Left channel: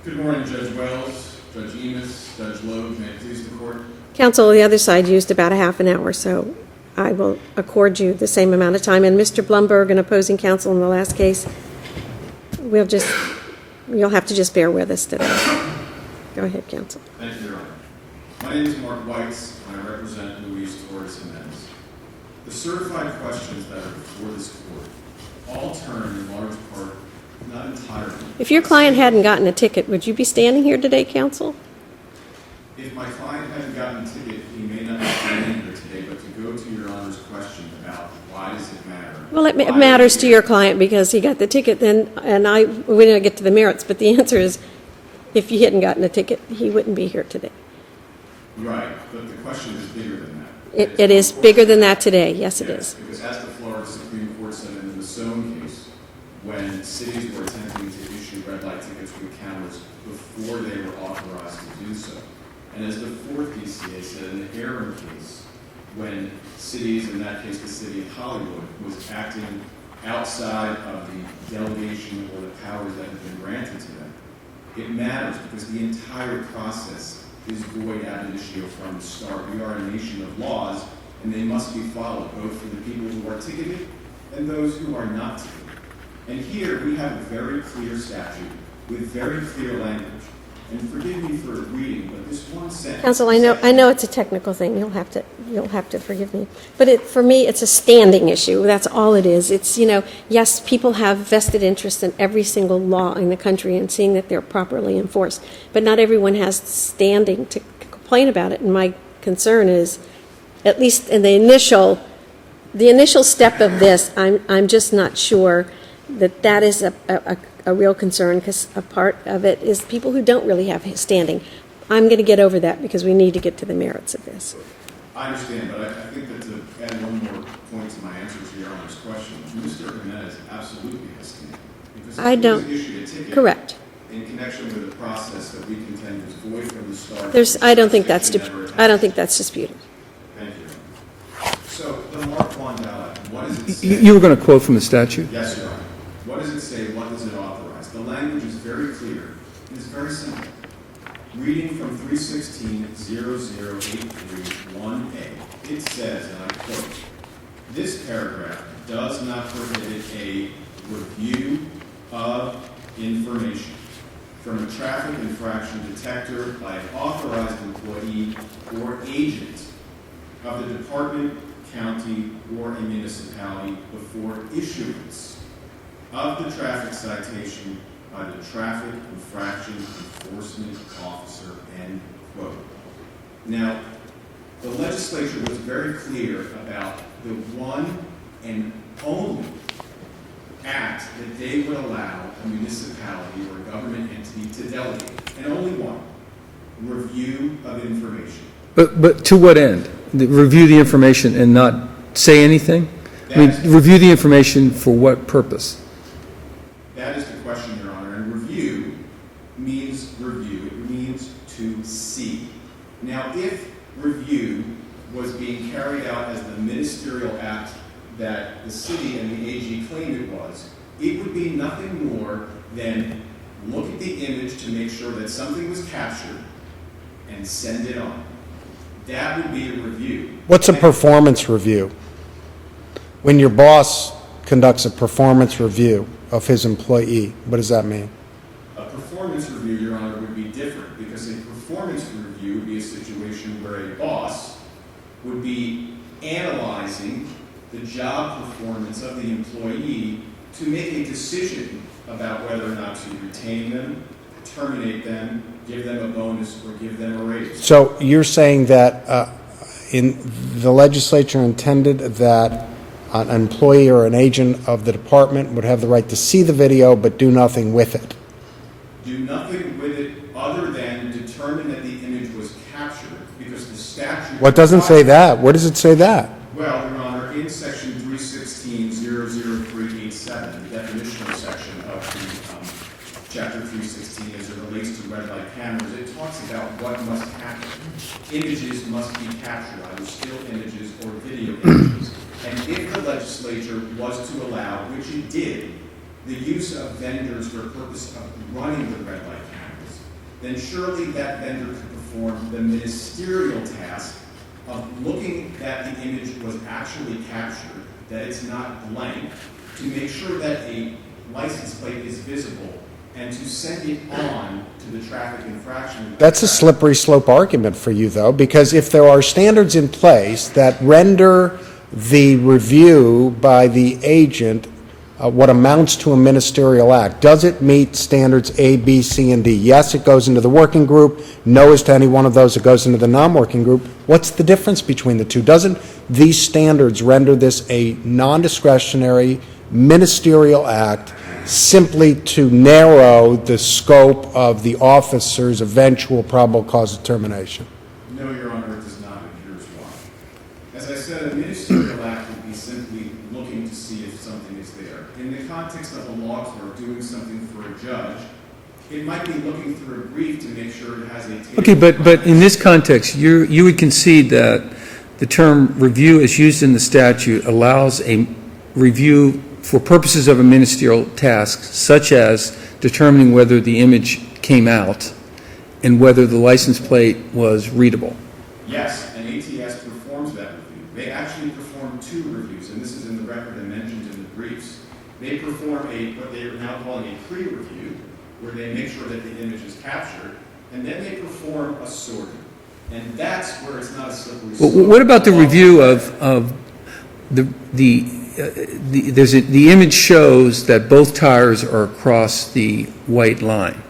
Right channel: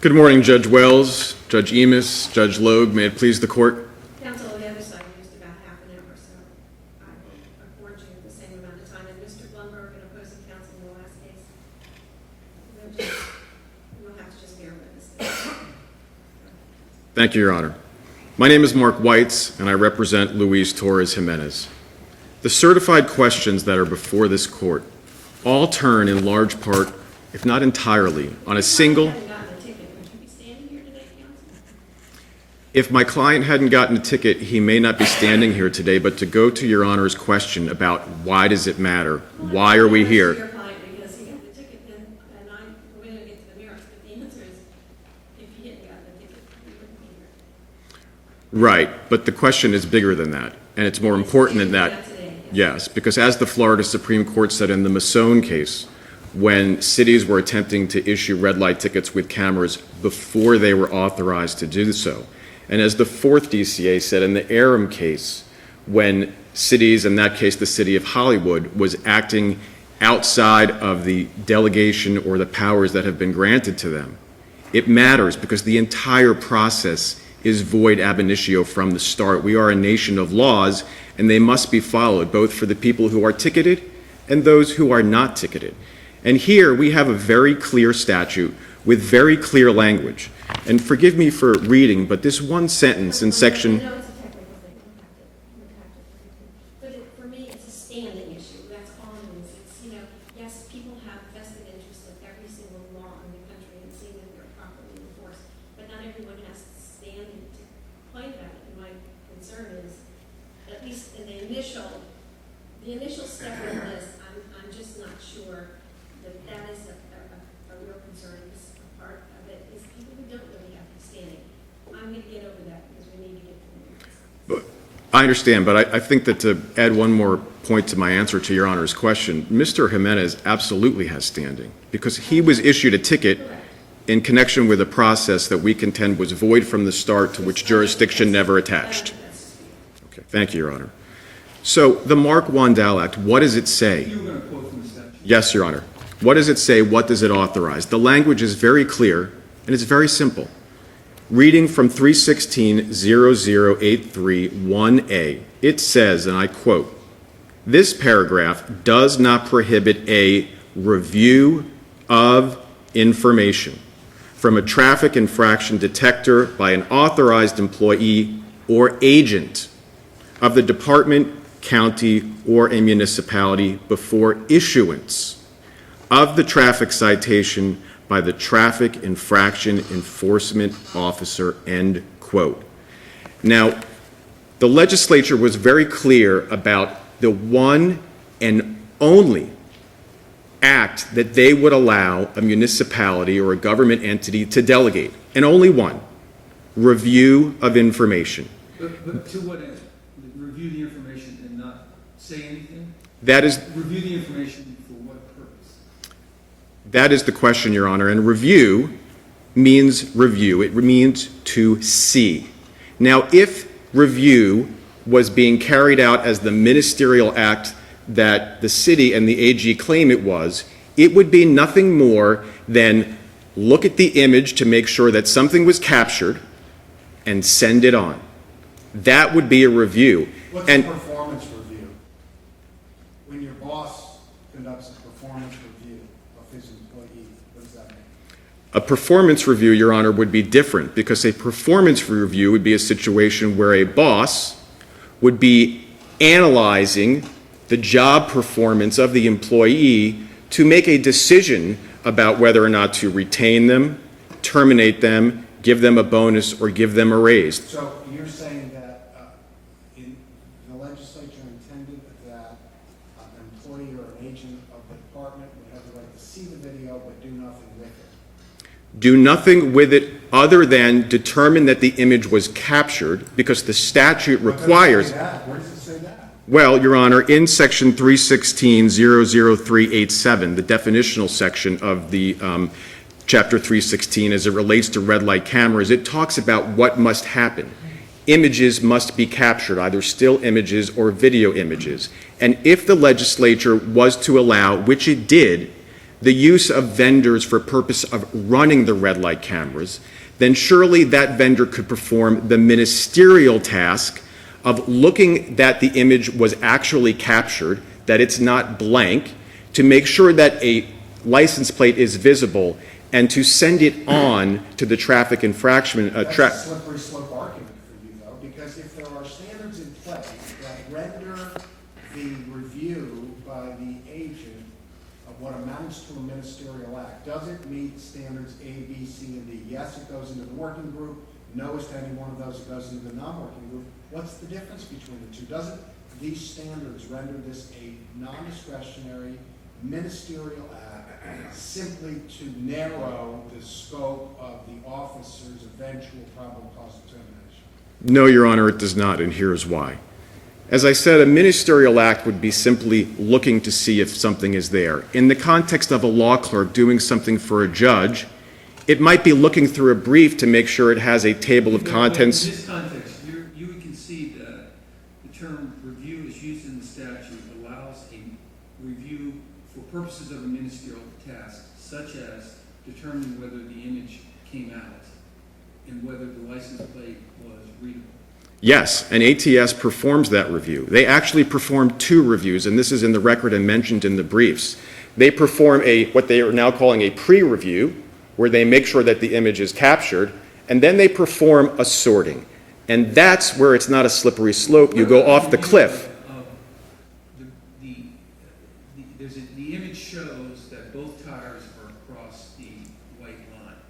Good morning, Judge Wells, Judge Emis, Judge Loeb. May it please the court? Counsel, the other side used about a half an hour, so I will accord you the same amount of time. And Mr. Blumberg, an opposing counsel in the last case, you'll have to just bear with us today. Go ahead, counsel. Thank you, Your Honor. My name is Marc Wites, and I represent Luis Torres Jimenez. The certified questions that are before this court all turn in large part, if not entirely, If your client hadn't gotten a ticket, would you be standing here today, counsel? If my client hadn't gotten a ticket, he may not be standing here today, but to go to Your Honor's question about why does it matter? Well, it why matters are we to here? your client because he got the ticket then, we didn't get to the merits, but the answer is if you hadn't gotten a ticket, he wouldn't be here today. Right, but the question is bigger than that. And it's It more is important bigger than that today, yes it Yes, is. because as the Florida Supreme Court said in the Masson case, when cities were attempting to issue red light tickets with cameras before they were authorized to do so. And as the fourth DCA said in the Aram case, when cities, in that case the city of Hollywood, was acting outside of the delegation or the powers that have been granted to them, it matters because the entire process is void ab initio from the start. We are a nation of laws, and they must be followed, both for the people who are ticketed and those who are not ticketed. And here we have a very clear statute with very clear language. And forgive me for reading, but this one sentence Counsel, in section... I know it's a technical thing. You'll have to forgive me. But for me, it's a standing issue. That's all it is. It's, yes, people have vested interest in every single law in the country and seeing that they're properly enforced. But not everyone has standing to complain about it. And my concern is, at least in the initial step of this, I'm just not sure that is a real concern, because a part of it is people who don't really have standing. I'm going to get over that because we need to get to the merits of this. I understand, but I think that to add one more point to my answer to Your Honor's question, Mr. Jimenez absolutely has standing because he was issued a ticket Correct. in connection with a process that we contend was void from the start, to which I don't think jurisdiction never attached. I don't think that's disputed. Okay, thank you, Your Honor. So the Mark Wandel Act, what does it say? You were going to quote from the statute? Yes, Your Honor. What does it say? What does it authorize? The language is very clear, and it's very simple. Reading from 316.0083.1a, it says, and I quote, "This paragraph does not prohibit a review of information from a traffic infraction detector by an authorized employee or agent of the department, county, or a municipality before issuance of the traffic citation by the traffic infraction enforcement officer," end quote. Now, the legislature was very clear about the one and only act that they would allow a municipality or a government entity to delegate, and only one: review of information. But to what end? Review the information and not say anything? That is, review the information for what purpose? That is the question, Your Honor. And review means review. It means to see. Now, if review was being carried out as the ministerial act that the city and the AG claim it was, it would be nothing more than look at the image to make sure that something was captured and send it on. That would be a review. What's a performance review? When your boss conducts a performance review of his employee, what does that mean? A performance review, Your Honor, would be different, because a performance review would be a situation where a boss would be analyzing the job performance of the employee to make a decision about whether or not to retain them, terminate them, give them a bonus, or give them a raise. So you're saying that the legislature intended that an employee or an agent of the department would have the right to see the video but do nothing with it? Do nothing with it other than determine that the image was captured, because the statute What doesn't say that? Where does it say that? Well, Your Honor, in section 316.00387, the definitional section of the chapter 316 as it relates to red light cameras, it talks about what must happen. Images must be captured, either still images or video images. And if the legislature was to allow, which it did, the use of vendors for purpose of running the red light cameras, then surely that vendor could perform the ministerial task of looking that the image was actually captured, that it's not blank, to make sure that a license plate is visible, and to send it on to the traffic infraction. That's a slippery slope argument for you, though, because if there are standards in place that render the review by the agent what amounts to a ministerial act, does it meet standards A, B, C, and D? Yes, it goes into the working group. No as to any one of those, it goes into the non-working group. What's the difference between the two? Doesn't these standards render this a non-discretionary ministerial act simply to narrow the scope of the officer's eventual probable cause determination? No, Your Honor, it does not, and here's why. As I said, a ministerial act would be simply looking to see if something is there. In the context of a law clerk doing something for a judge, it might be looking through a brief to make sure it has a table of contents. But in this context, you would concede that the term review as used in the statute allows a review for purposes of a ministerial task, such as determining whether the image came out and whether the license plate was readable. Yes, and ATS performs that review. They actually perform 2 reviews, and this is in the record and mentioned in the briefs. They perform what they are now calling a pre-review, where they make sure that the image is captured, and then they perform a sorting. And that's where it's not a slippery slope. Well, what about the review of the image shows that both tires are across the white line?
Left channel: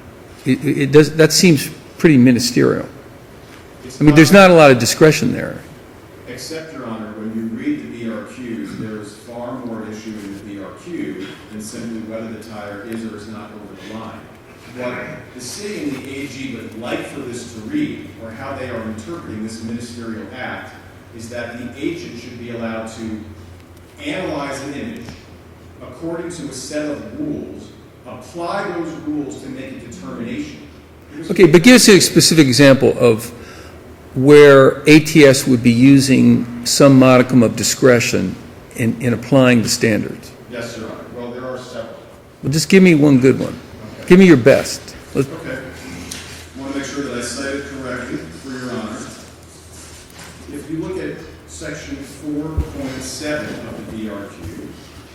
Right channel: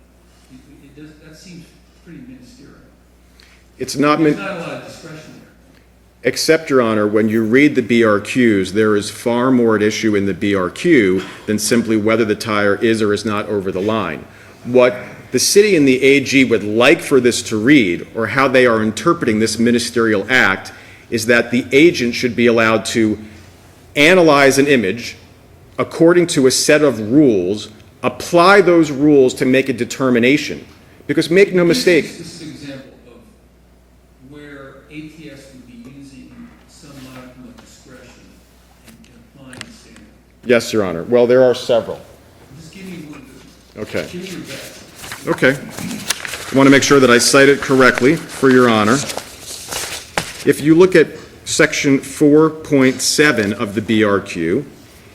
That seems pretty ministerial. There's not a lot of discretion there. Except, Your Honor, when you read the BRQs, there is far more at issue in the BRQ than simply whether the tire is or is not over the line. What the city and the AG would like for this to read, or how they are interpreting this ministerial act, is that the agent should be allowed to analyze an image according to a set of rules, apply those rules to make a determination. Because but give us a specific example of where ATS would be using some modicum of discretion in applying the standards. Yes, Your Honor. Well, there are several. Well, just give me one good one. Okay. Give me your best. Okay. I want to make sure that I cite it correctly for Your Honor. If you look at Section 4.7 of the BRQ,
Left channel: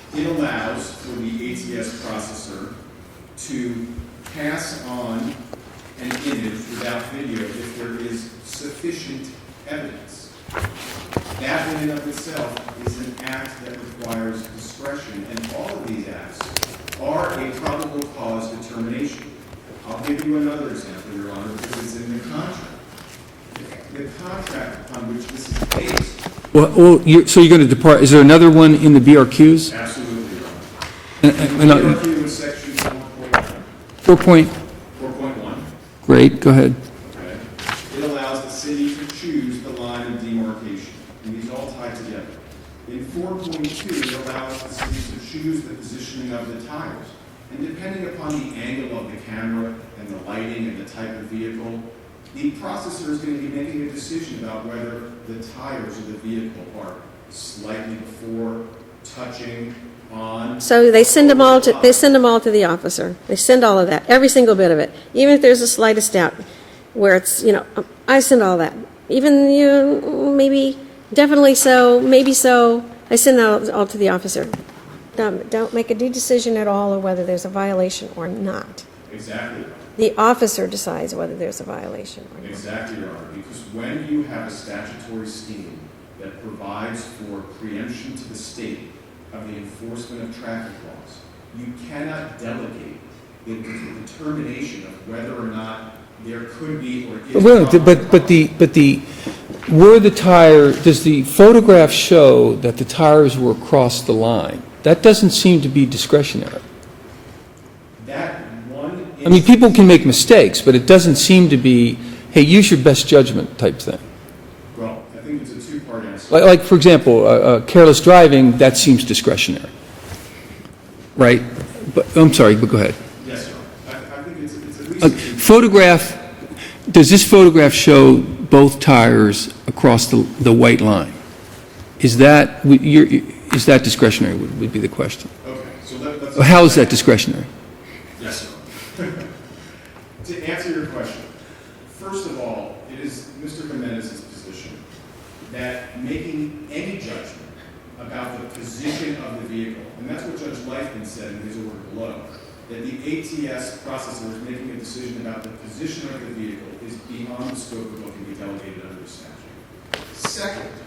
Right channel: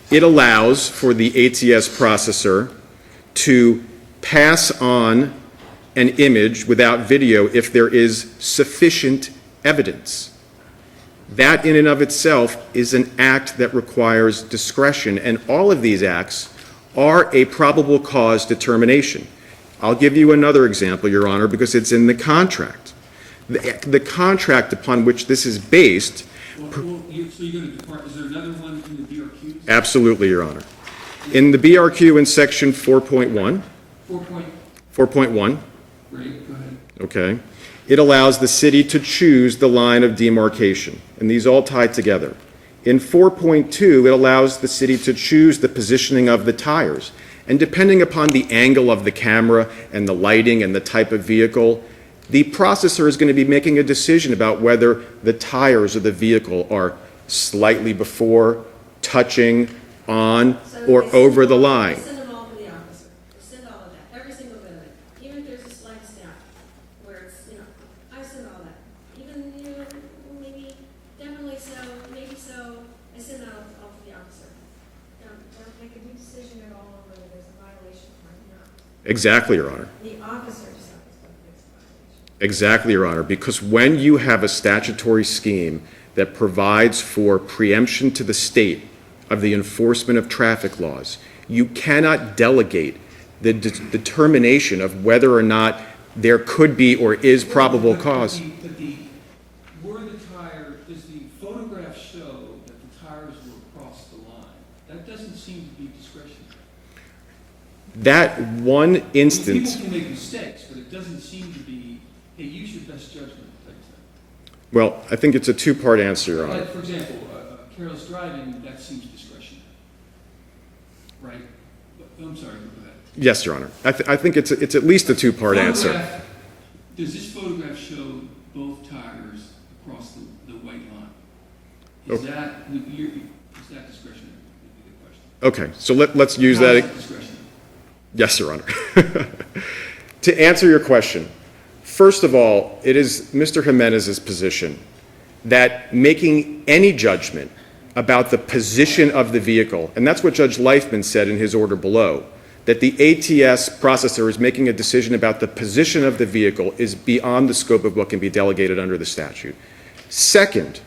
it allows for the ATS processor to pass on an image without video if there is sufficient evidence. That in and of itself is an act that requires discretion, and all of these acts are a probable cause determination. I'll give you another example, Your Honor, because it's in the contract. The contract upon which this is based. So you're going to depart. Is there another one in the BRQs? Absolutely, Your Honor. In the BRQ in Section 4.1. 4.1. Great, go ahead. Okay. It allows the city to choose the line of demarcation, and these all tie together. In 4.2, it allows the city to choose the positioning of the tires, and depending upon the angle of the camera and the lighting and the type of vehicle, the processor is going to be making a decision about whether the tires of the vehicle are slightly before, touching, on, So or they send them over all the line. they send them all to the officer. They send all of that, every single bit of it, even if there's the slightest doubt, where it's, I send all that. Even maybe, definitely so, maybe so, I send that all to the officer. Don't make a decision at all of whether there's a violation or not. Exactly, Your Honor. The officer decides whether there's a violation. Exactly, Your Honor, because when you have a statutory scheme that provides for preemption to the state of the enforcement of traffic laws, you cannot delegate the determination of whether or not there could be or is probable cause. Were the tire, does the photograph show that the tires were across the line? That doesn't seem to be discretionary. That one instance. I mean, people can make mistakes, but it doesn't seem to be, hey, use your best judgment type thing. Well, I think it's a two-part answer. Like for example, careless driving, that seems discretionary, right? But I'm sorry, but go ahead. Yes, Your Honor. I think it's at least a two-part photograph. answer. Does this photograph show both tires across the white line? Is that is that discretionary would be the question. Okay, so let's. How is that discretionary? Yes, Your Honor. To answer your question, first of all, it is Mr. Jimenez's position that making any judgment about the position of the vehicle, and that's what Judge Leifman said in his order below, that the ATS processor is making a decision about the position of the vehicle is beyond the scope of what can be delegated under the statute. Second,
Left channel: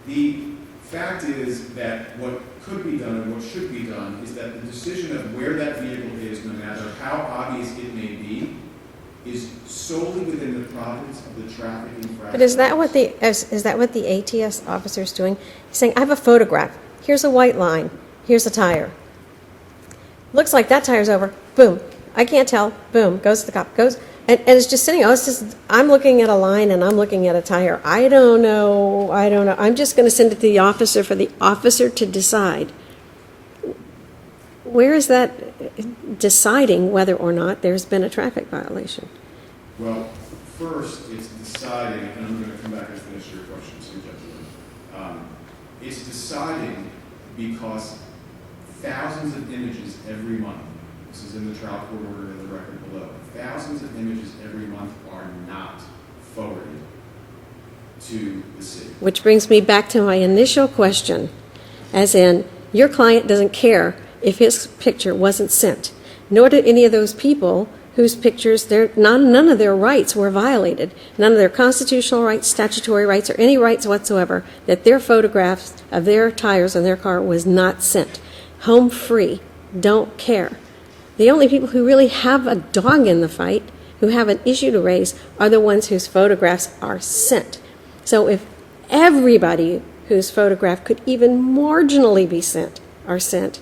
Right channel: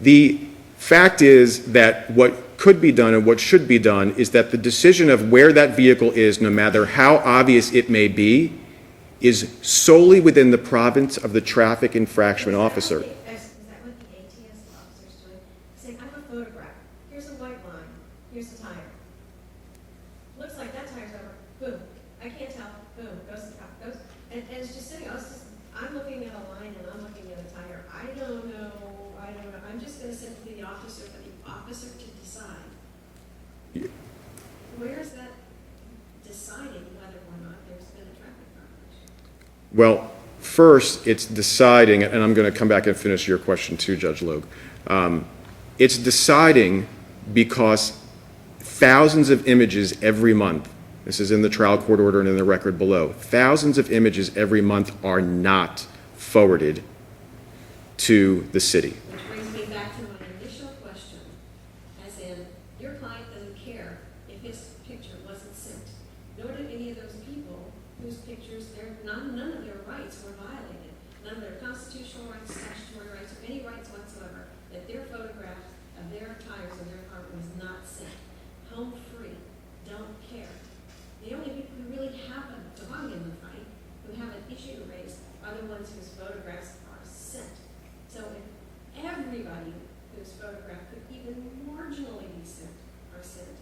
the fact is that what could be done and what should be done is that the decision of where that vehicle is, no matter how obvious it may be, is solely within the province of the traffic infraction officer. Is that what the ATS officer is doing? He's saying, I have a photograph. Here's a white line. Here's a tire. Looks like that tire's over. Boom. I can't tell. Boom. Goes to the cop. Goes. And it's just sitting. Oh, it's just, I'm looking at a line and I'm looking at a tire. I don't know. I'm just going to send it to the officer for the officer to decide. Where is that deciding whether or not there's been a traffic violation? Well, first, it's deciding, and I'm going to come back and finish your question too, Judge Loeb. It's deciding because thousands of images every month, this is in the trial court order and in the record below, thousands of images every month are not forwarded to the city. Which brings me back to my initial question, as in, your client doesn't care if his picture wasn't sent, nor did any of those people whose pictures, none of their rights were violated, none of their constitutional rights, statutory rights, or any rights whatsoever, that their photographs of their tires on their car was not sent. Home free, don't care. The only people who really have a dog in the fight, who have an issue to raise, are the ones whose photographs are sent. So if everybody whose photograph could even marginally be sent are sent,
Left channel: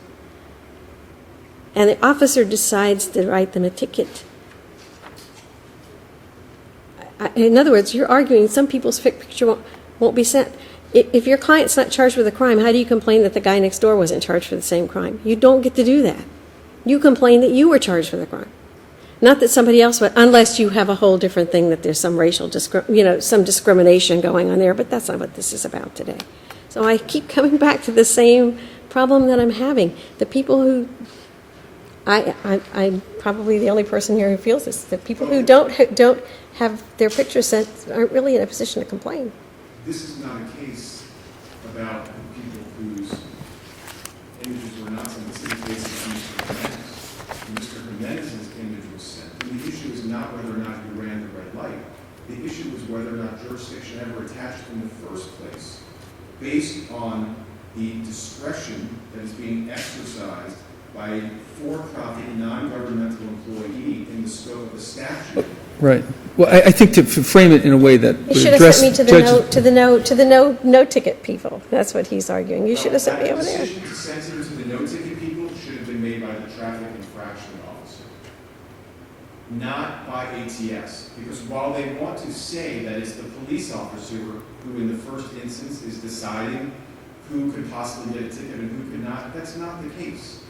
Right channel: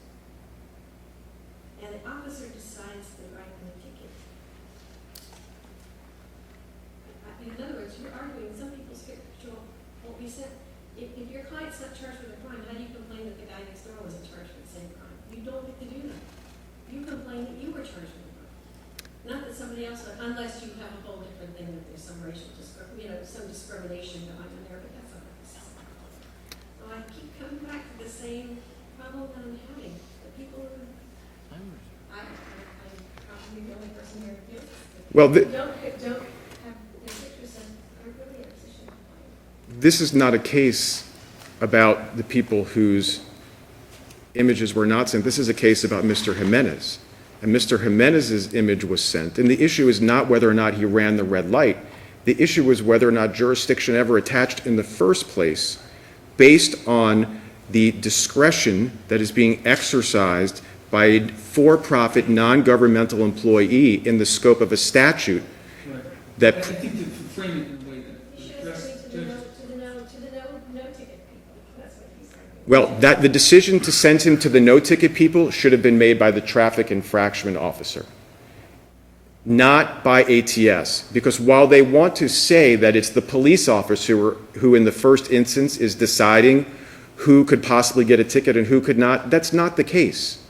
and the officer decides to write them a ticket. In other words, you're arguing some people's picture won't be sent. If your client's not charged with a crime, how do you complain that the guy next door wasn't charged for the same crime? You don't get to do that. You complain that you were charged for the crime. Not that somebody else would, unless you have a whole different thing, that there's some racial, some discrimination going on there, but that's not what this is about today. So I keep coming back to the same problem that I'm having. The people who, I'm probably the only person here who feels this. The people who don't have their pictures sent aren't really in a position to complain. This is not a case about the people whose images were not sent. This is a case about Mr. Jimenez. And Mr. Jimenez's image was sent. And the issue is not whether or not he ran the red light. The issue is whether or not jurisdiction ever attached in the first place based on the discretion that is being exercised by a for-profit, non-governmental employee in the scope of a statute. Right. Well, I think to frame it in a way that You would should have address sent me to the no ticket people. That's what he's arguing. Well, the decision to send him to the no-ticket people should have been made by the traffic infraction officer, not by ATS. Because while they want to say that it's the police officer who in the first instance is deciding who could possibly get a ticket and who could not, that's not the case.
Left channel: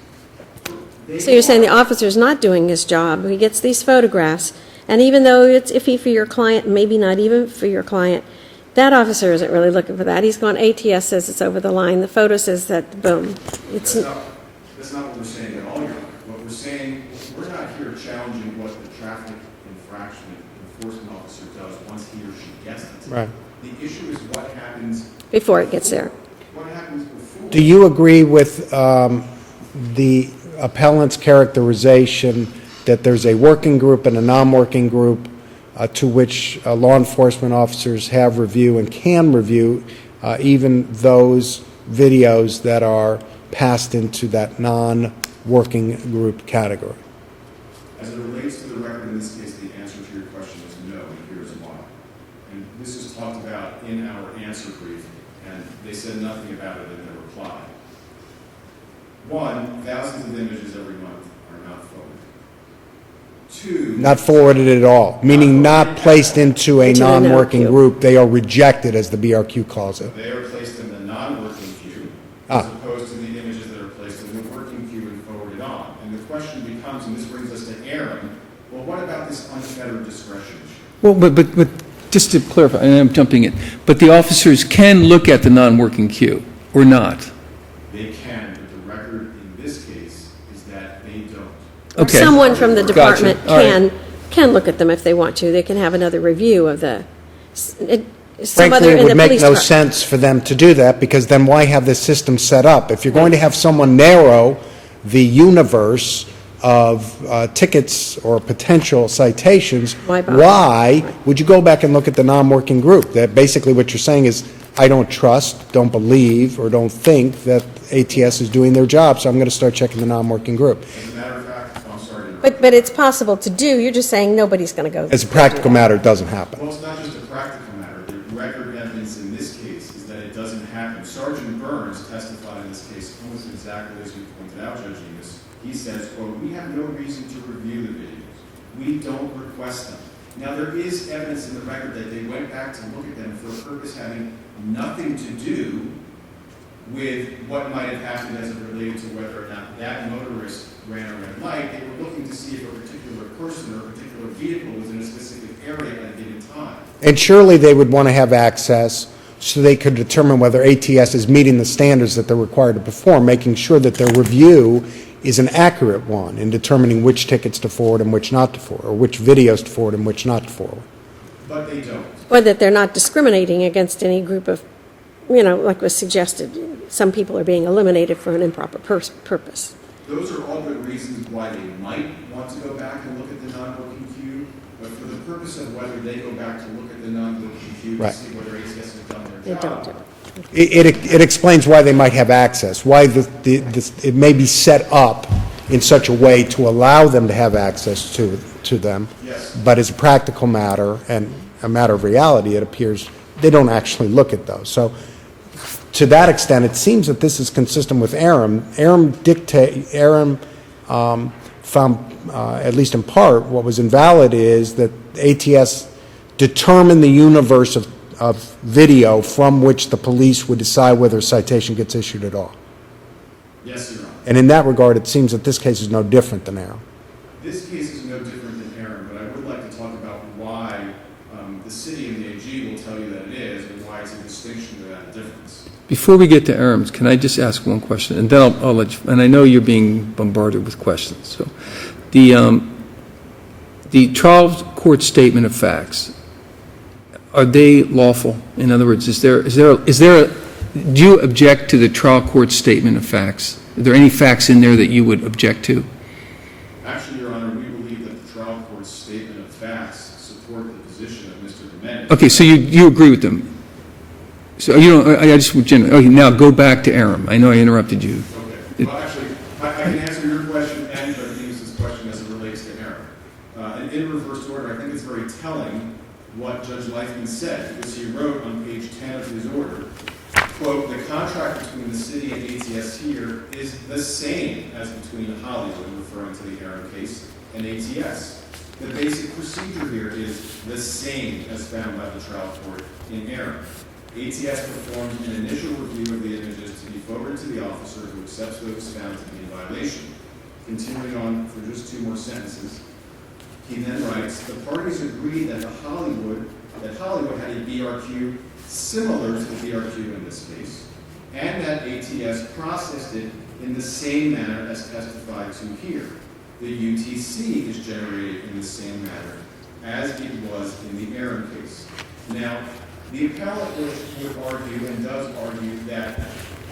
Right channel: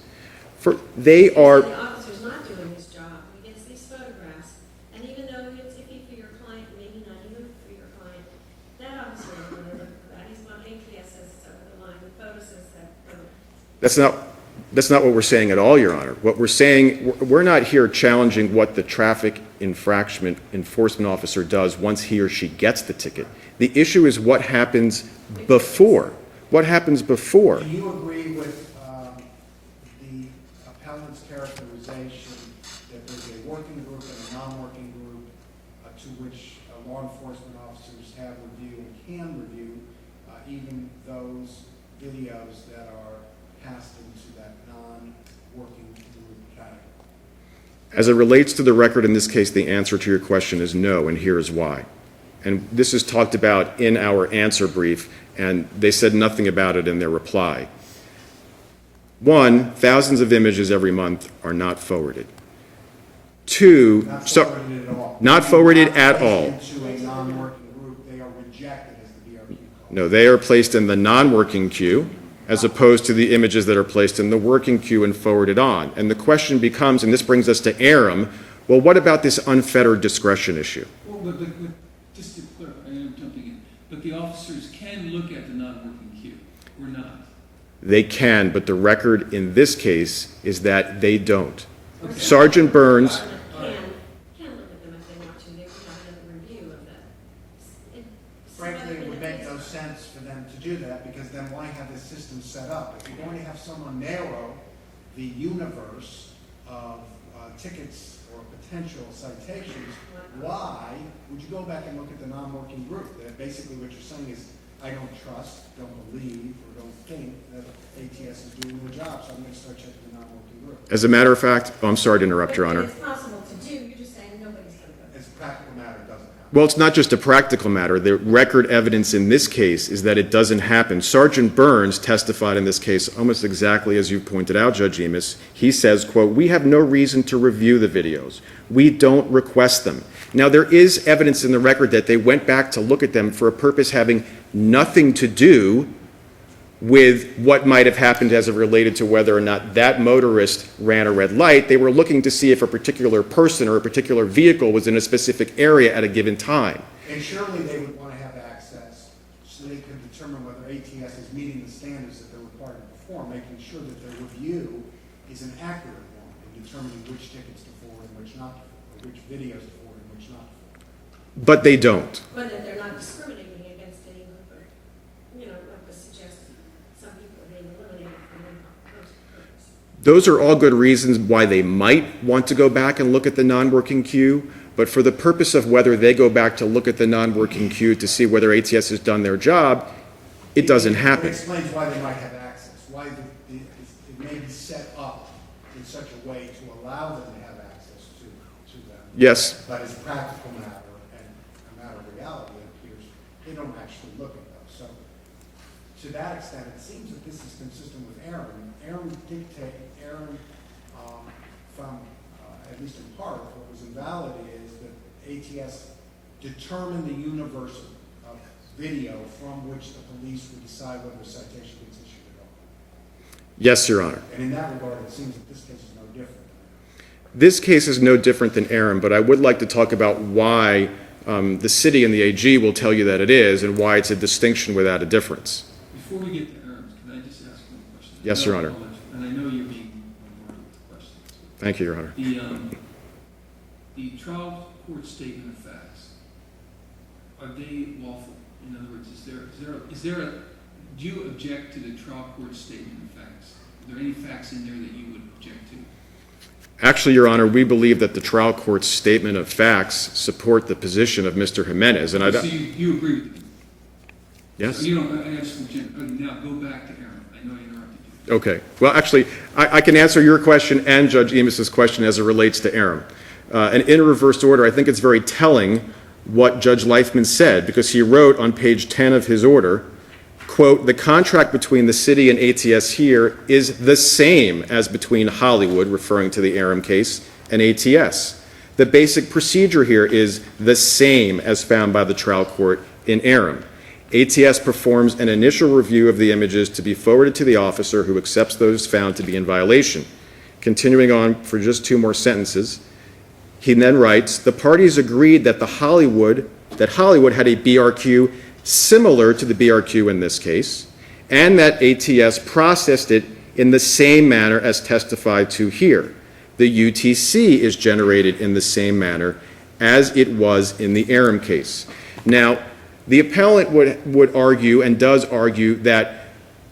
So you're saying the officer's not doing his job. He gets these photographs, and even though it's iffy for your client, maybe not even for your client, that officer isn't really looking for that. He's gone, ATS says it's over the line. The photo says that, boom. That's not what we're saying at all, Your Honor. What we're saying, we're not here challenging what the traffic infraction enforcement officer does once he or she gets the ticket. Right. The issue is what happens Before it gets there. What happens before? Do you agree with the appellant's characterization that there's a working group and a non-working group to which law enforcement officers have review and can review even those videos that are passed into that non-working group category? As it relates to the record in this case, the answer to your question is no, and here is why. And this is talked about in our answer brief, and they said nothing about it in their reply. One, thousands of images every month are not forwarded. Two, Not forwarded at all, Not meaning forwarded not at placed all. into a Into the no non-working queue. group. They are rejected, as the BRQ calls No, it. they are placed in the non-working queue as opposed to the images that are placed in the working queue and forwarded on. And the question becomes, and this brings us to Aram, well, what about this unfettered discretion issue? Well, but just to clarify, and I'm jumping in, but the officers can look at the non-working queue or not. They can, but the record in this case is that they don't. Okay. Someone Sergeant from the Burns- department Gotcha. All right. can look at them if they want to. They can have another review of some Frankly, other it in the would make police no department. sense for them to do that, because then why have this system set up? If you're going to have someone narrow the universe of tickets or potential citations, Why bother? why would you go back and look at the non-working group? That basically what you're saying is, I don't trust, don't believe, or don't think that ATS is doing their job, so I'm going to start checking the non-working group. As a matter of fact, I'm sorry to interrupt, Your But Honor. it's possible to do. You're just saying nobody's going to go. As a practical matter, it doesn't happen. Well, it's not just a practical matter. The record evidence in this case is that it doesn't happen. Sergeant Burns testified in this case almost exactly as you pointed out, Judge Emis. He says, quote, "We have no reason to review the videos. We don't request them." Now, there is evidence in the record that they went back to look at them for a purpose having nothing to do with what might have happened as it related to whether or not that motorist ran a red light. They were looking to see if a particular person or a particular vehicle was in a specific area at a given time. And surely they would want to have access so they could determine whether ATS is meeting the standards that they're required to perform, making sure that their review is an accurate one in determining which tickets to forward and which not to forward, or which videos to forward and which not to forward. But they don't. Or that they're not discriminating against any group of, like was suggested, some people are being eliminated for an improper purpose. Those are all good reasons why they might want to go back and look at the non-working queue, but for the purpose of whether they go back to look at the non-working queue to Right. see whether ATS has done their job, it doesn't It happen. explains why they might have access, why it may be set up in such a way to allow them to have access to them. Yes. But as a practical matter and a matter of reality, it appears they don't actually look at those. So to that extent, it seems that this is consistent with Aram. Aram found, at least in part, what was invalid is that ATS determined the universe of video from which the police would decide whether a citation gets issued at all. Yes, Your Honor. And in that regard, it seems that this case is no different than Aram. This case is no different than Aaron, but I would like to talk about why the city and the AG will tell you that it is and why it's a distinction without a difference. Before we get to Arams, can I just ask one question? And Yes, then Your Honor. I'll let you, and I know you're being bombarded with questions, so. Thank you, Your Honor. The trial court statement of facts, are they lawful? In other words, do you object to the trial court statement of facts? Are there any facts in there that you would object to? Actually, Your Honor, we believe that the trial court's statement of facts support the position of Mr. Jimenez. Okay, so you agree with them? So you don't, I just, okay, now go back to Aram. I know I interrupted you. Okay. Well, actually, I can answer your question and Judge Emis's question as it relates to Aram. And in reverse order, I think it's very telling what Judge Leifman said, because he wrote on page 10 of his order, quote, "The contract between the city and ATS here is the same as between Hollywood," referring to the Aram case, "and ATS. The basic procedure here is the same as found by the trial court in Aram. ATS performs an initial review of the images to be forwarded to the officer who accepts those found to be in violation." Continuing on for just two more sentences, he then writes, "The parties agreed that Hollywood had a BRQ similar to the BRQ in this case, and that ATS processed it in the same manner as testified to here. The UTC is generated in the same manner as it was in the Aram case." Now, the appellant would argue, and does argue, that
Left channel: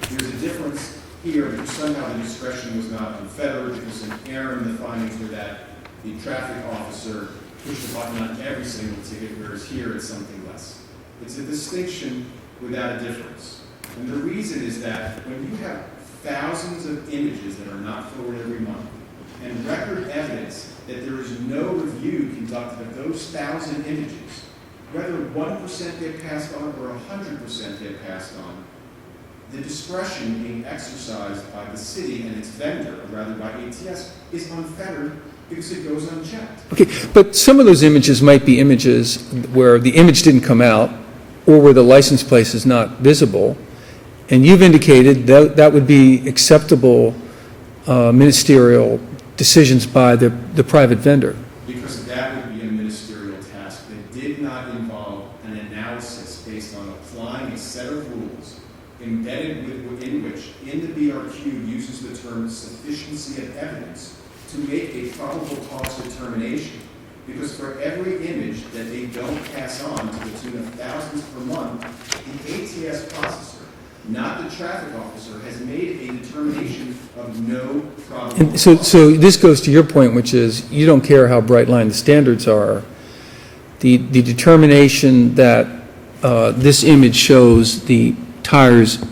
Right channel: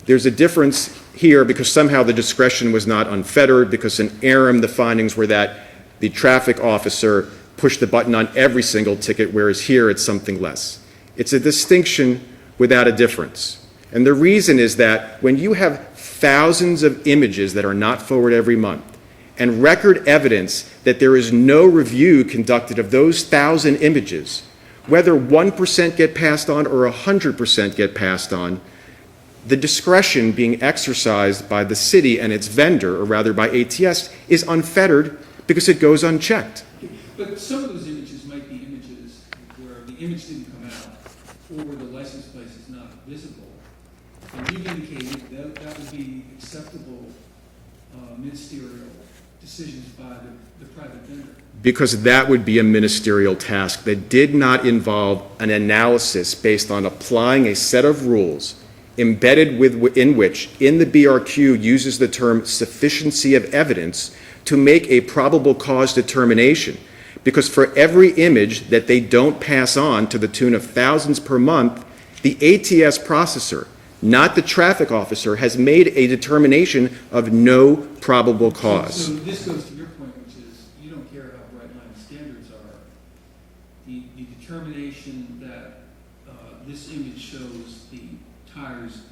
there's a difference here because somehow the discretion was not unfettered, because in Aram the findings were that the traffic officer pushed the button on every single ticket, whereas here it's something less. It's a distinction without a difference. And the reason is that when you have thousands of images that are not forwarded every month, and record evidence that there is no review conducted of those 1,000 images, whether 1% get passed on or 100% get passed on, the discretion being exercised by the city and its vendor, or rather by ATS, is unfettered because it goes unchecked. Okay, but some of those images might be images where the image didn't come out or where the license plate is not visible, and you've indicated that that would be acceptable ministerial decisions by the private vendor. Because that would be a ministerial task that did not involve an analysis based on applying a set of rules embedded in which, in the BRQ, uses the term sufficiency of evidence to make a probable cause determination. Because for every image that they don't pass on to the tune of thousands per month, the ATS processor, not the traffic officer, has made a determination of no probable cause. So this goes to your point, which is you don't care how bright line the standards are. The determination that this image shows the tires,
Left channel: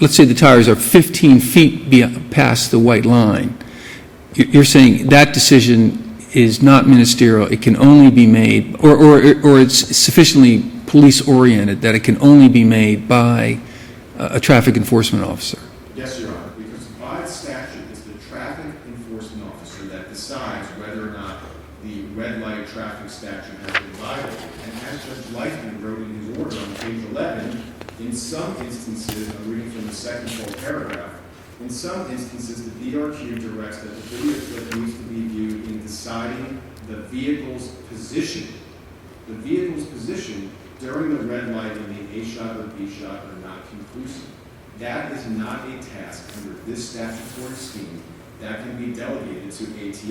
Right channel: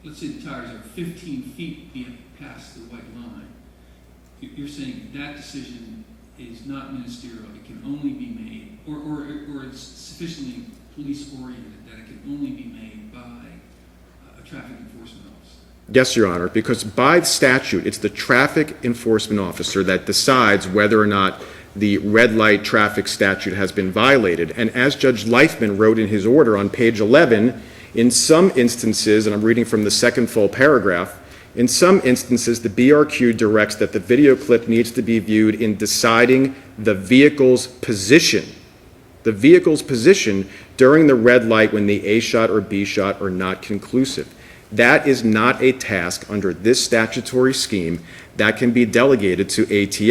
let's say the tires are 15 feet past the white line. You're saying that decision is not ministerial. It can only be made, or it's sufficiently police-oriented that it can only be made by a traffic enforcement officer. Yes, Your Honor, because by statute, it's the traffic enforcement officer that decides whether or not the red light traffic statute has been violated. And as Judge Leifman wrote in his order on page 11, in some instances, and I'm reading from the second full paragraph, in some instances, the BRQ directs that the video clip needs to be viewed in deciding the vehicle's position. The vehicle's position during the red light when the A shot or B shot are not conclusive. That is not a task under this statutory scheme that can be delegated to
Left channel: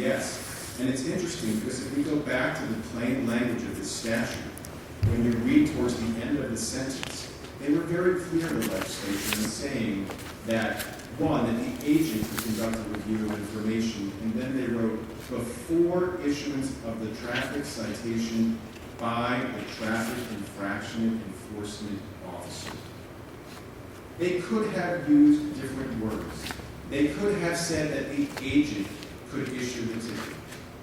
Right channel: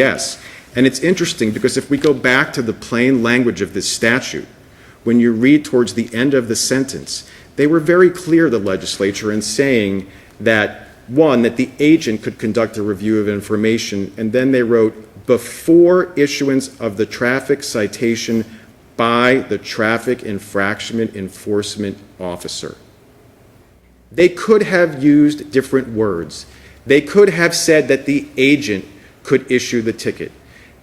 ATS. And it's interesting because if we go back to the plain language of this statute, when you read towards the end of the sentence, they were very clear, the legislature, in saying that, one, that the agent could conduct a review of information, and then they wrote, before issuance of the traffic citation by the traffic infraction enforcement officer. They could have used different words. They could have said that the agent could issue the ticket.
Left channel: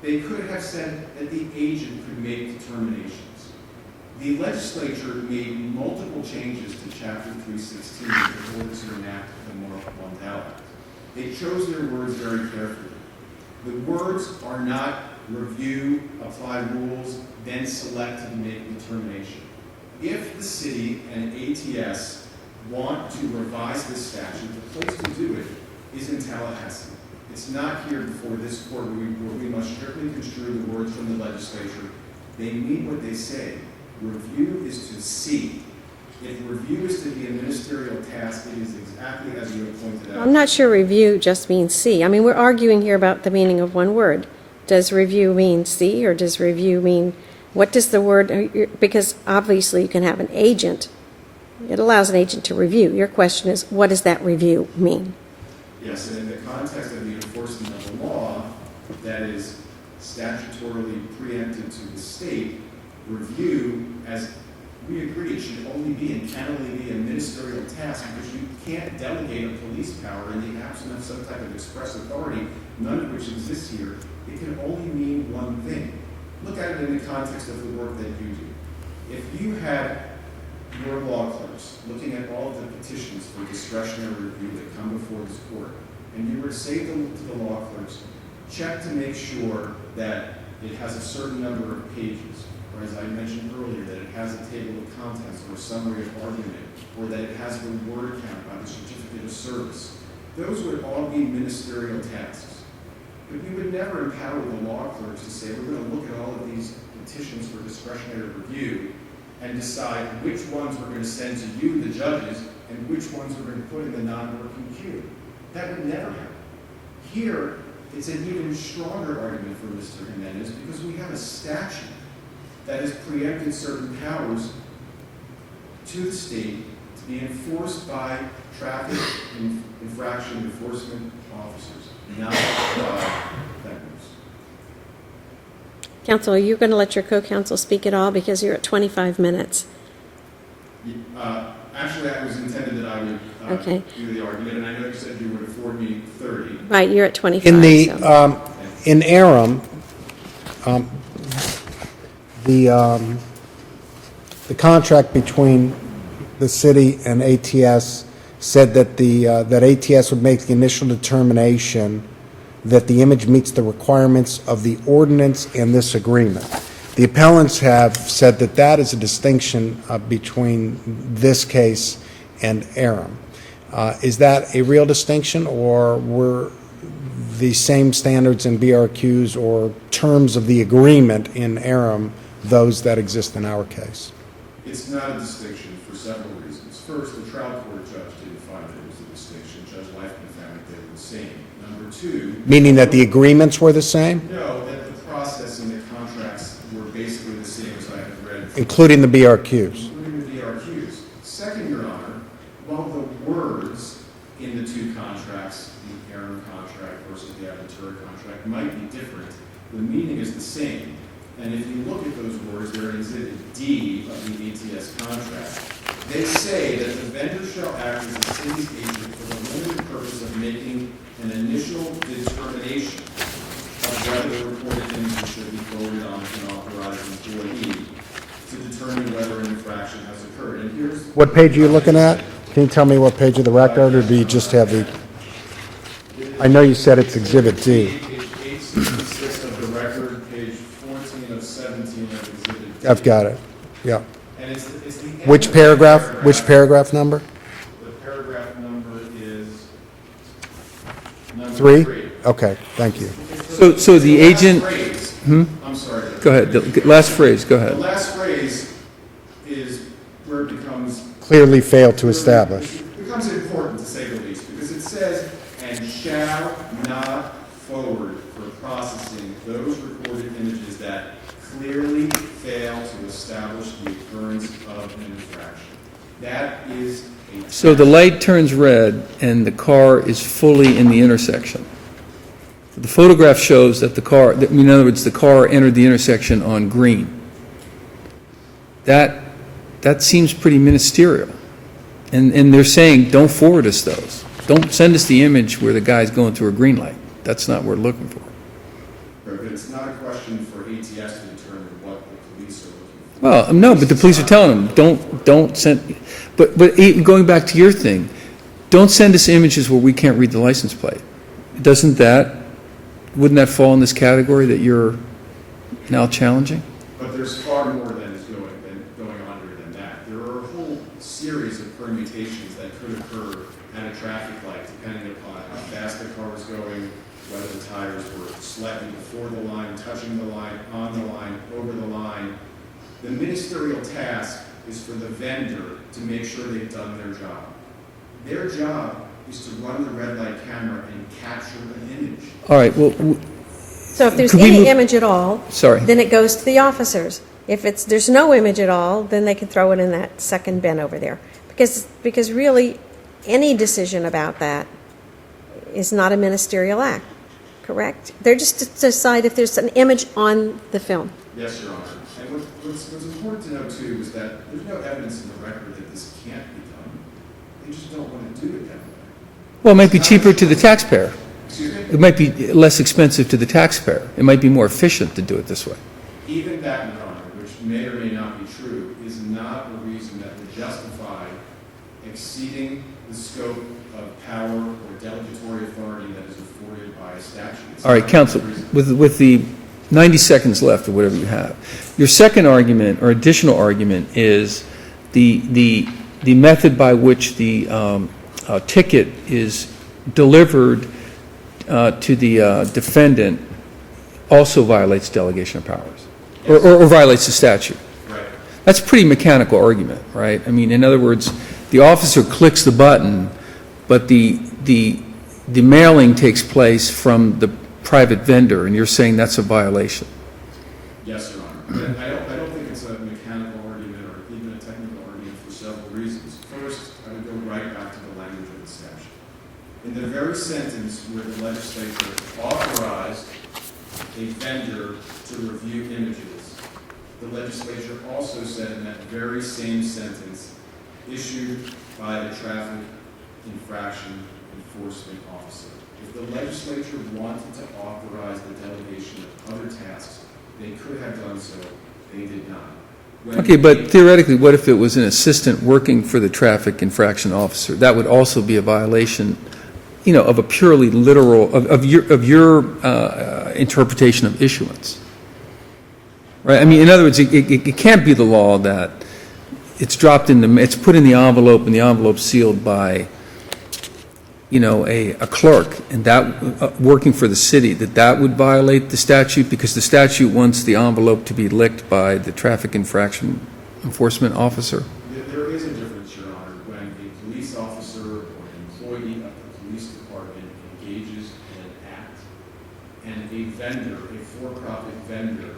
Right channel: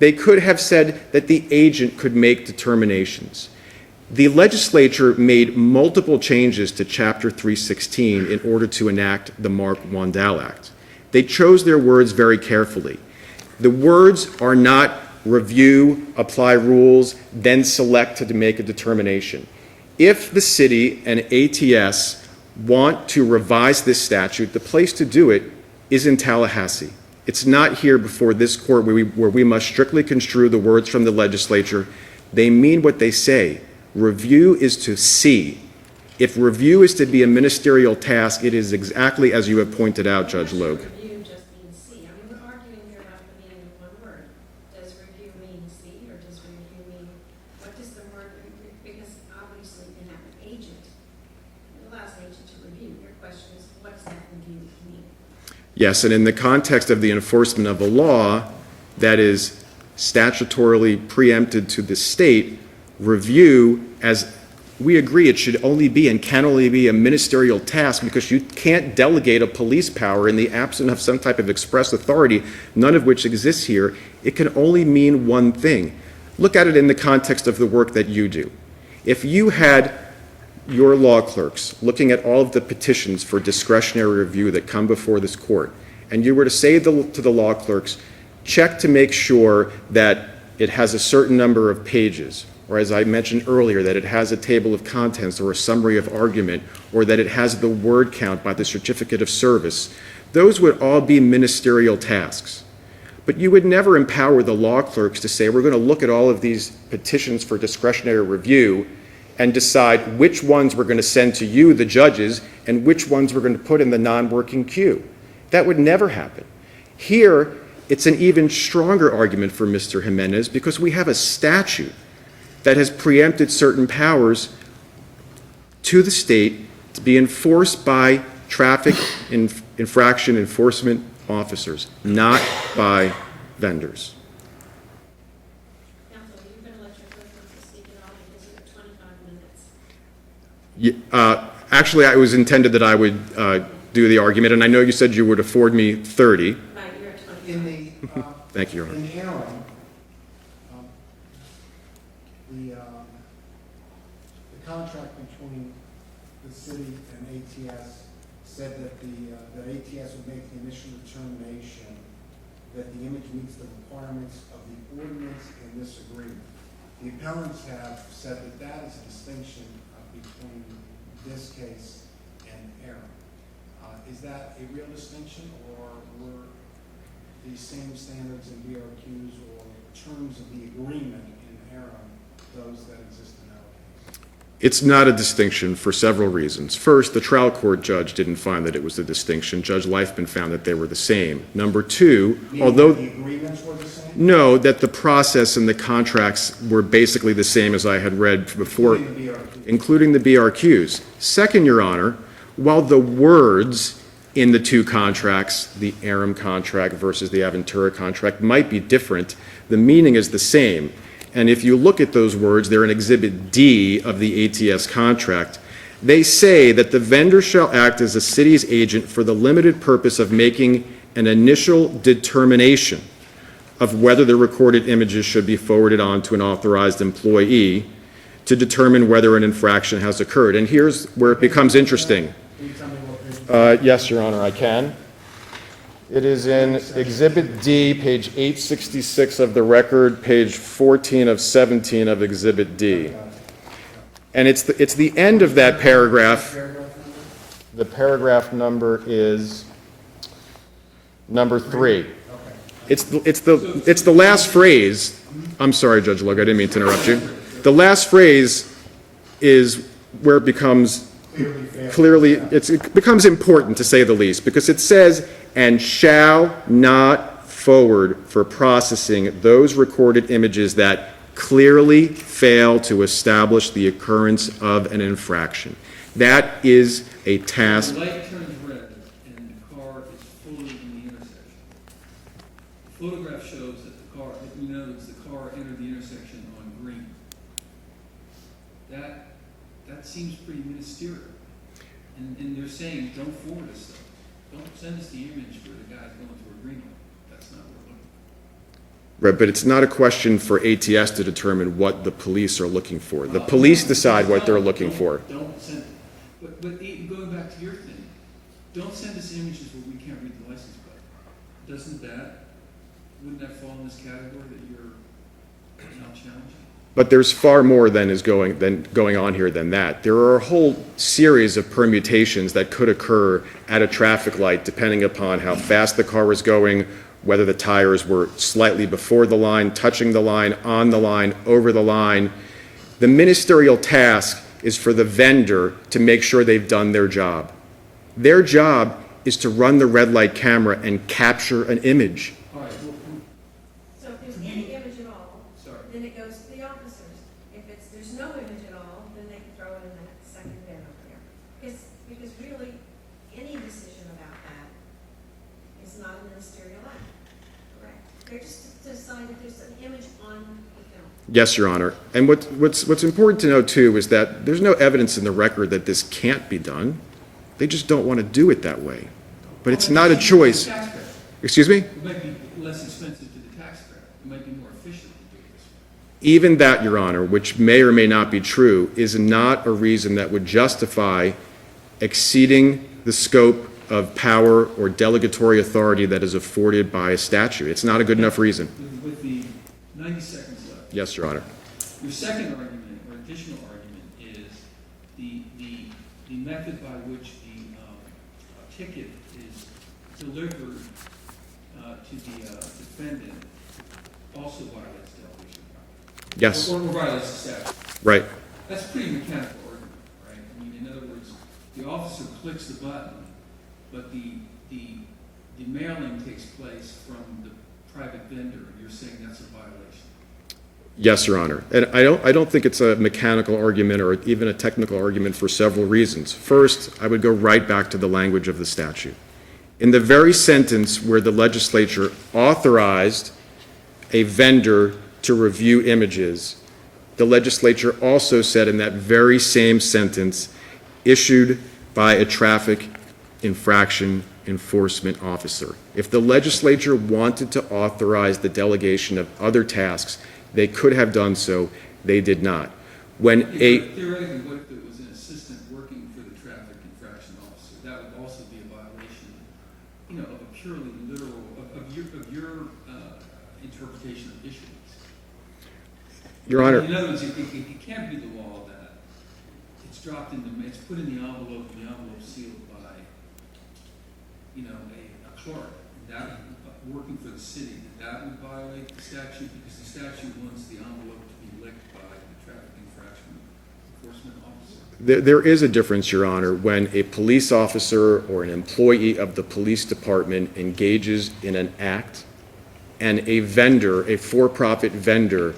They could have said that the agent could make determinations. The legislature made multiple changes to Chapter 316 in order to enact the Marc Wandel Act. They chose their words very carefully. The words are not review, apply rules, then select to make a determination. If the city and ATS want to revise this statute, the place to do it is in Tallahassee. It's not here before this court where we must strictly construe the words from the legislature. They mean what they say. Review is to see. If review is to be a ministerial task, it is exactly as you have pointed out, I'm not Judge sure Lloyd. review just means see. I mean, we're arguing here about the meaning of one word. Does review mean see, or does review mean, what does the word, because obviously you can have an agent. It allows an agent to review. Your question is, what does that review mean? Yes, and in the context of the enforcement of a law that is statutorily preempted to the state, review, as we agree, it should only be and can only be a ministerial task because you can't delegate a police power in the absence of some type of express authority, none of which exists here. It can only mean one thing. Look at it in the context of the work that you do. If you had your law clerks looking at all of the petitions for discretionary review that come before this court, and you were to say to the law clerks, check to make sure that it has a certain number of pages, or as I mentioned earlier, that it has a table of contents or a summary of argument, or that it has the word count by the certificate of service, those would all be ministerial tasks. But you would never empower the law clerks to say, we're going to look at all of these petitions for discretionary review and decide which ones we're going to send to you, the judges, and which ones we're going to put in the non-working queue. That would never happen. Here, it's an even stronger argument for Mr. Jimenez because we have a statute that has preempted certain powers to the state to be enforced by traffic infraction enforcement officers, not by vendors. Counsel, are you going to let your co-counsel speak at all because you're at 25 minutes? Actually, it was intended that I would do the argument, and I know you said you would afford me 30. Right, you're at 25. In the, so. Thank you. in Aram, the contract between the city and ATS said that that ATS would make the initial determination that the image meets the requirements of the ordinance and this agreement. The appellants have said that that is a distinction between this case and Aram. Is that a real distinction, or were the same standards in BRQs or terms of the agreement in Aram those that exist in our case? It's not a distinction for several reasons. First, the trial court judge didn't find that it was a distinction. Judge Leifman found that they were the same. Number two... Meaning that the agreements were the same? No, that the process and the contracts were basically the same as I had read. Including the BRQs? Including the BRQs. Second, Your Honor, while the words in the two contracts, the Aram contract versus the Aventura contract, might be different, the meaning is the same. And if you look at those words, they're in Exhibit D of the ATS contract. They say that the vendor shall act as a city's agent for the limited purpose of making an initial determination of whether the recorded images should be forwarded on to an authorized employee to determine whether an infraction has occurred. And here's where What it page are you becomes looking at? interesting. Can you tell me what page of the record? Yes, or do Your you Honor, just I have can. It is I know in you said it's Exhibit D. page 866 of the record, page 14 of 17 of Exhibit D. I've got it, yeah. And it's the end Which of that paragraph. Which paragraph number? The paragraph number is number 3? 3. Okay, thank you. It's the So it's the the last agent- phrase. I'm sorry, Judge. Go Luke, I ahead. didn't mean to The interrupt last you. phrase, go ahead. The last phrase is where it becomes Clearly failed to establish. it becomes important, to say the least, because it says, "and shall not forward for processing those recorded images that clearly fail to establish the occurrence of an infraction." That is a task. So the light turns red and the car is fully in the intersection. The photograph shows that the car, in other words, the car entered the intersection on green. That seems pretty ministerial. And they're saying, don't forward us those. Don't send us the image where the guy's going through a green light. That's not what we're looking for. Right, but it's not a question for ATS to determine what the police are looking for. Well, no, but the police are decide what telling they're them, looking for. don't send, but even going back to your thing, don't send us images where we can't read the license plate. Wouldn't that fall in this category that you're now challenging? But there's far more than going on here than that. There are a whole series of permutations that could occur at a traffic light, depending upon how fast the car was going, whether the tires were slightly before the line, touching the line, on the line, over the line. The ministerial task is for the vendor to make sure they've done their job. Their job is to run the red light camera and capture an image. All right, well, So if there's Could we any move- image at all, Sorry. then it goes to the officers. If there's no image at all, then they can throw it in that second bin over there. Because really, any decision about that is not a ministerial act, correct? They're just to decide if there's an image on the film. Yes, Your Honor. And what's important to know, too, is that there's no evidence in the record that this can't be done. They just don't want to do it that way. well, it might It's be not a cheaper to the choice. taxpayer. Excuse me? It might be less expensive to the taxpayer. It might be more efficient to do it this way. Even that, Your Honor, which may or may not be true, is not a reason that would justify exceeding the scope of power or delegatory authority that is afforded by a statute. It's All not a right, good enough counsel, reason. with the 90 seconds left or whatever Yes, you Your Honor. have, your second argument or additional argument is the method by which the ticket is delivered to the defendant also violates delegation of powers. Yes. Or violates the statute. Right. That's a pretty mechanical argument, right? I mean, in other words, the officer clicks the button, but the mailing takes place from the private vendor, and you're saying that's a violation. Yes, Your Honor. And I don't think it's a mechanical argument or even a technical argument for several reasons. First, I would go right back to the language of the statute. In the very sentence where the legislature authorized a vendor to review images, the legislature also said in that very same sentence, issued by a traffic infraction enforcement officer. If the legislature wanted to authorize the delegation of other tasks, they could have done so. They did not. Okay, but theoretically, what if it was an assistant working for the traffic infraction officer? That would also be a violation, you know, of a purely literal, of your interpretation of issuance. Right? I mean, in other words, it can't be the law that it's dropped in it's put in the envelope and the envelope's sealed by, you know, a clerk, and that working for the city, that would violate the statute because the statute wants the envelope to be licked by the traffic infraction enforcement officer? There is a difference, Your Honor, when a police officer or an employee of the police department engages in an act and a vendor, a for-profit vendor,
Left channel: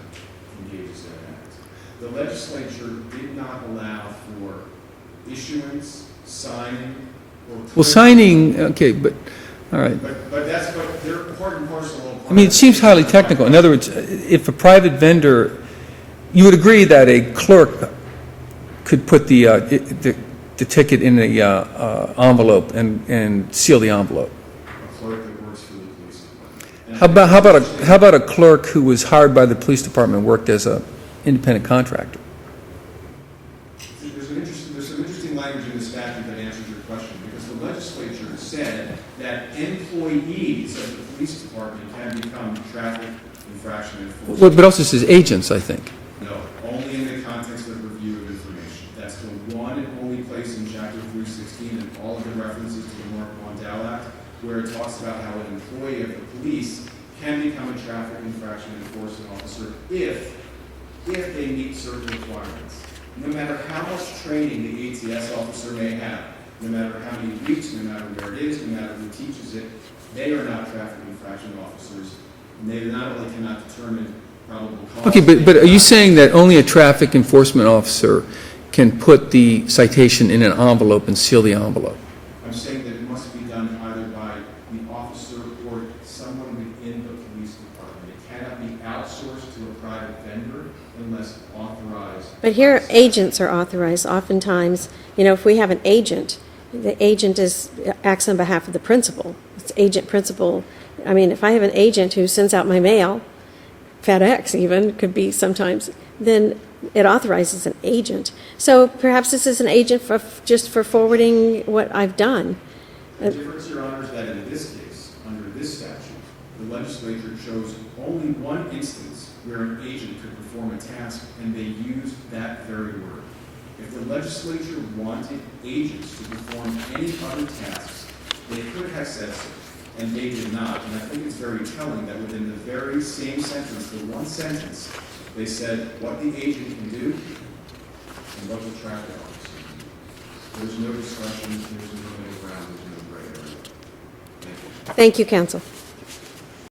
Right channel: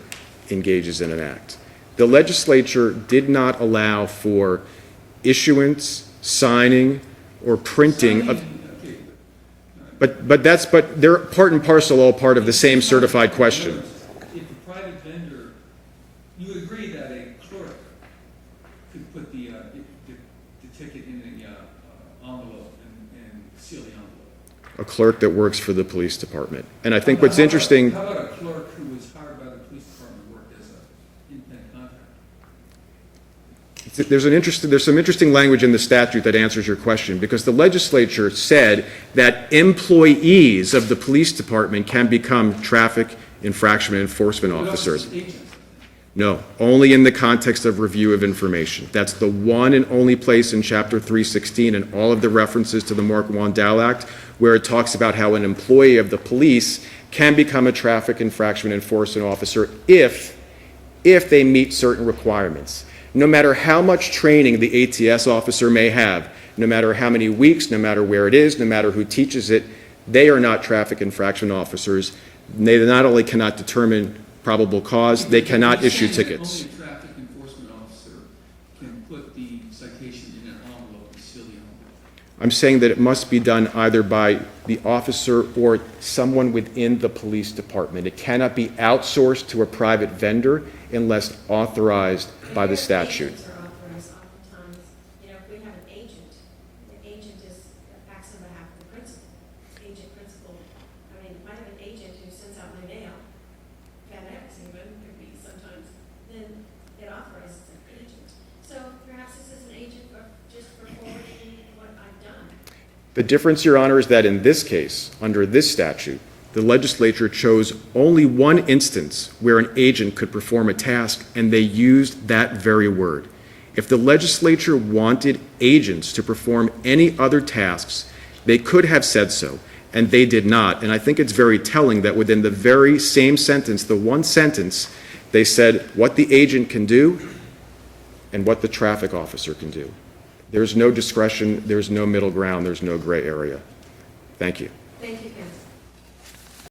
engages in an act. The legislature did not allow for issuance, signing, or printing. Well, signing, okay, but, all right. But they're part and parcel, all part I mean, of the it same seems highly certified technical. question. In other words, if a private vendor, you would agree that a clerk could put the ticket in the envelope and seal the envelope. A clerk that works for the police department. And I How think about, what's interesting. how about a clerk who was hired by the police department and worked as an independent contractor? There's some interesting language in the statute that answers your question, because the legislature said that employees of the police department can become traffic infraction enforcement But also officers. says agents, I think. No, only in the context of review of information. That's the one and only place in Chapter 316 and all of the references to the Marc Wites Act where it talks about how an employee of the police can become a traffic infraction enforcement officer if they meet certain requirements. No matter how much training the ATS officer may have, no matter how many weeks, no matter where it is, no matter who teaches it, they are not traffic infraction officers. They not only cannot determine probable cause. Okay, but are cannot you issue saying that tickets. only a traffic enforcement officer can put the citation in an envelope and seal the envelope? I'm saying that it must be done either by the officer or someone within the police department. It cannot be outsourced to a private vendor unless authorized by But the here, statute. agents are authorized. Oftentimes, if we have an agent, the agent acts on behalf of the principal. It's agent principal. I mean, if I have an agent who sends out my mail, FedEx even could be sometimes, then it authorizes an agent. So perhaps this is an agent just for forwarding what I've done. The difference, Your Honor, is that in this case, under this statute, the legislature chose only one instance where an agent could perform a task, and they used that very word. If the legislature wanted agents to perform any other tasks, they could have said so, and they did not. And I think it's very telling that within the very same sentence, the one sentence, they said what the agent can do and what the traffic officer can do. There's no discretion, there's no middle ground, there's no gray area. Thank you. Thank you, counsel.